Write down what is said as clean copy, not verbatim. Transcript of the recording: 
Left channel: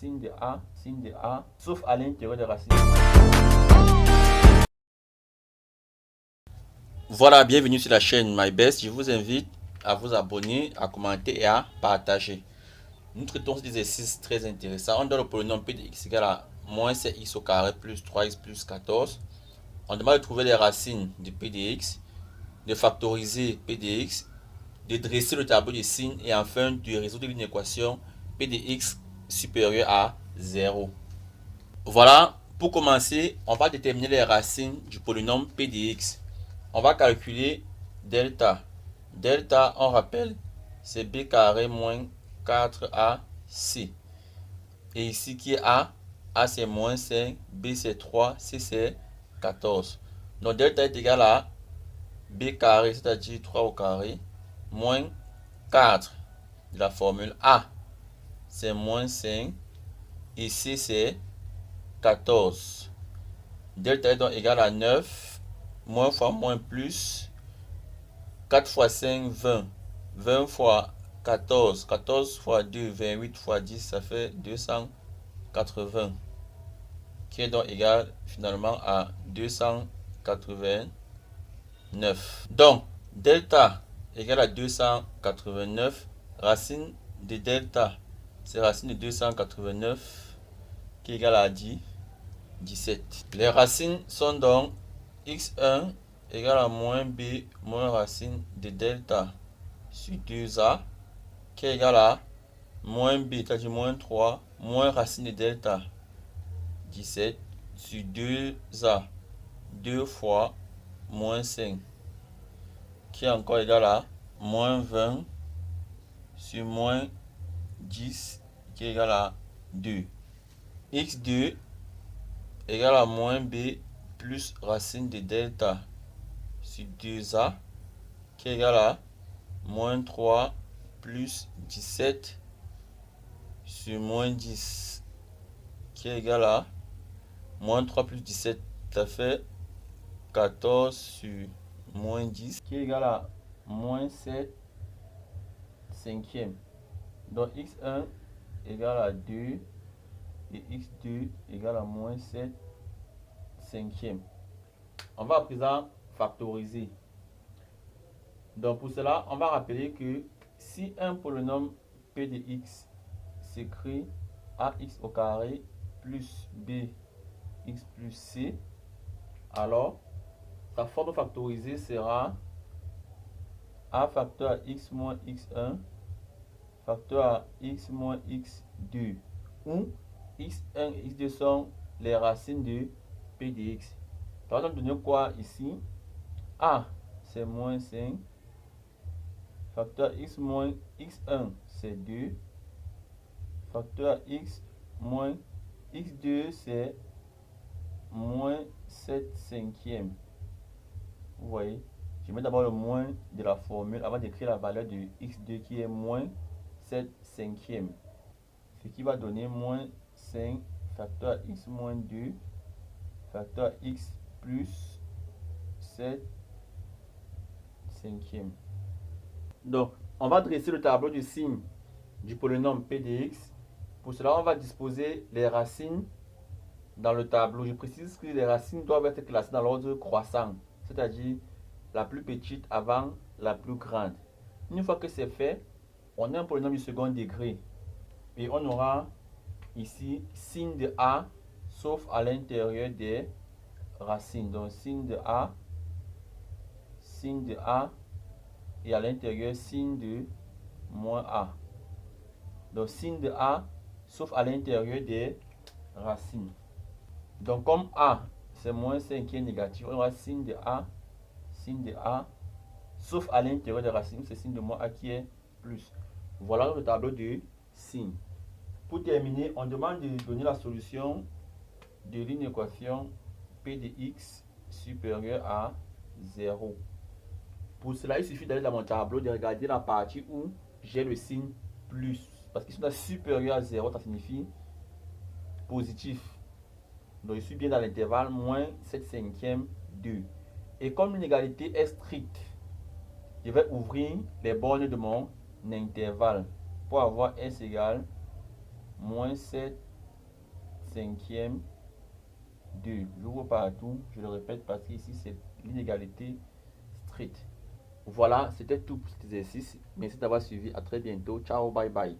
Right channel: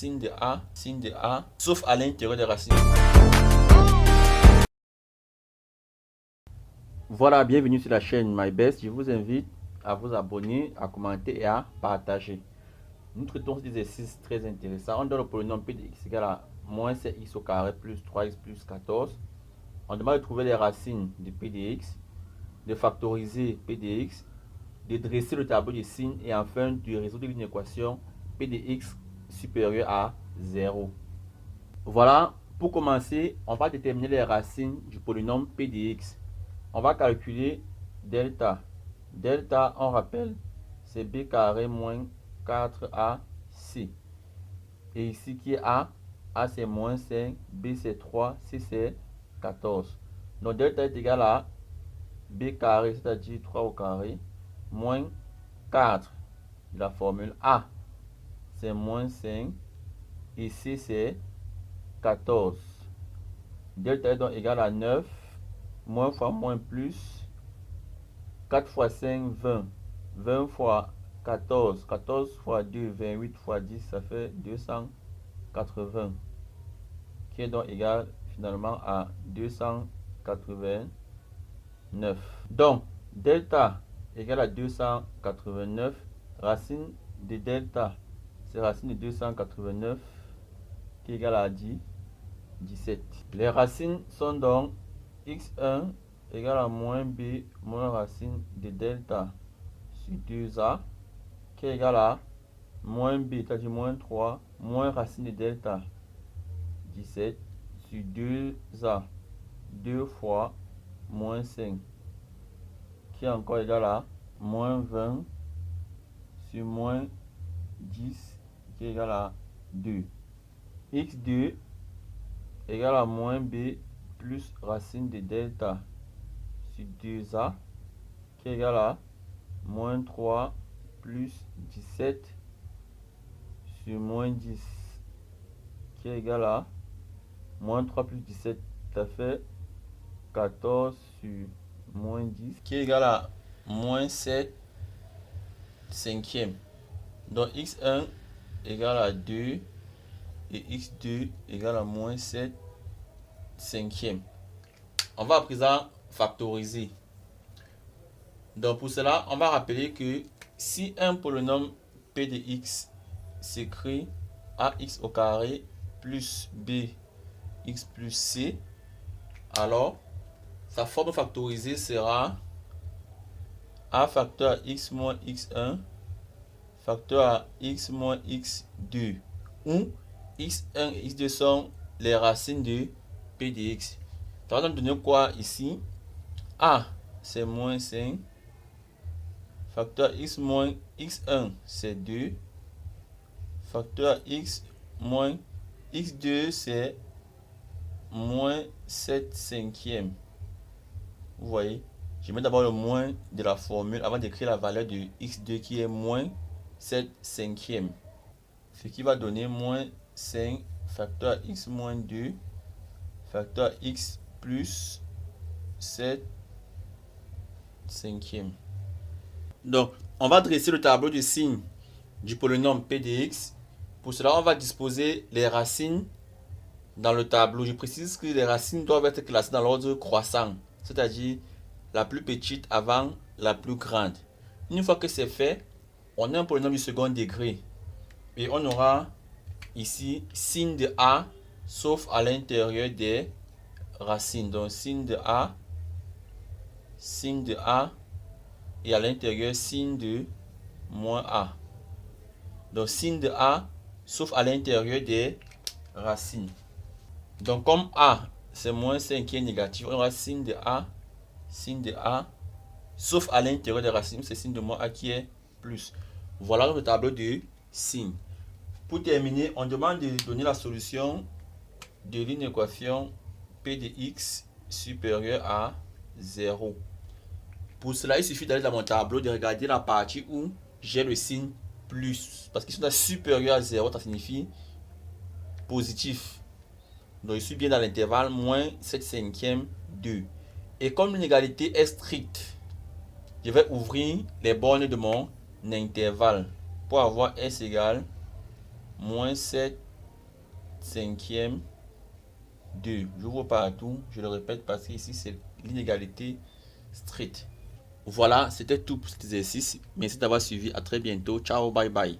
signe de A, sauf à l'intérieur des racines. Voilà, bienvenue sur la chaîne MyBest. Je vous invite à vous abonner, à commenter et à partager. Nous traitons cet exercice très intéressant. On donne le polynôme p de x égale à moins 7x au carré plus 3x plus 14. On demande de trouver les racines de p de x, de factoriser p de x, de dresser le tableau des signes et enfin de résoudre une équation p de x supérieure à 0. Voilà, pour commencer, on va déterminer les racines du polynôme p de x. On va calculer delta. Delta, on rappelle, c'est b carré moins 4ac. Et ici qui est a, a c'est moins 5, b c'est 3, c c'est 14. Donc delta est égal à b carré, c'est-à-dire 3 au carré, moins 4 de la formule a, c'est moins 5, et c c'est 14. Delta est donc égal à 9, moins fois moins plus, 4 fois 5, 20. 20 fois 14, 14 fois 2, 28 fois 10, ça fait 280. Qui est donc égal finalement à 289. Donc, delta égale à 289. Racine de delta, c'est racine de 289 qui est égal à 17. Les racines sont donc x1 égale à moins b moins racine de delta sur 2a qui est égal à moins b, c'est-à-dire moins 3 moins racine de delta 17 sur 2a, 2 fois moins 5 qui est encore égal à moins 20 sur moins 10 qui est égal à 2. x2 égale à moins b plus racine de delta sur 2a qui est égal à moins 3 plus 17 sur moins 10 qui est égal à moins 3 plus 17, ça fait 14 sur moins 10 qui est égal à moins 7 cinquième. Donc x1 égale à 2 et x2 égale à moins 7 cinquième. On va à présent factoriser. Donc pour cela, on va rappeler que si un polynôme p de x s'écrit ax au carré plus bx plus c, alors sa forme factorisée sera a facteur à x moins x1 facteur à x moins x2, où x1 et x2 sont les racines de p de x. Ça va nous donner quoi ici? A c'est moins 5, facteur x moins x1 c'est 2, facteur x moins x2 c'est moins 7 cinquième. Vous voyez, je mets d'abord le moins de la formule avant d'écrire la valeur de x2 qui est moins 7 cinquième. Ce qui va donner moins 5 facteur x moins 2 facteur x plus 7 cinquième. Donc, on va dresser le tableau de signes du polynôme p de x. Pour cela, on va disposer les racines dans le tableau. Je précise que les racines doivent être classées dans l'ordre croissant, c'est-à-dire la plus petite avant la plus grande. Une fois que c'est fait, on a un polynôme du second degré. Et on aura ici signe de A, sauf à l'intérieur des racines. Donc, signe de A, et à l'intérieur, signe de moins A. Donc, signe de A, sauf à l'intérieur des racines. Donc, comme A, c'est moins 5 qui est négatif, on aura signe de A, sauf à l'intérieur des racines, c'est signe de moins A qui est plus. Voilà le tableau de signes. Pour terminer, on demande de donner la solution de une équation p de x supérieure à 0. Pour cela, il suffit d'aller dans mon tableau, de regarder la partie où j'ai le signe plus. Parce que si on est supérieur à 0, ça signifie positif. Donc je suis bien dans l'intervalle moins 7 cinquième 2. Et comme l'inégalité est stricte, je vais ouvrir les bornes de mon intervalle pour avoir s égale moins 7 cinquième 2. J'ouvre partout, je le répète parce que ici c'est l'inégalité stricte. Voilà, c'était tout pour cet exercice. Merci d'avoir suivi. À très bientôt. Ciao, bye bye.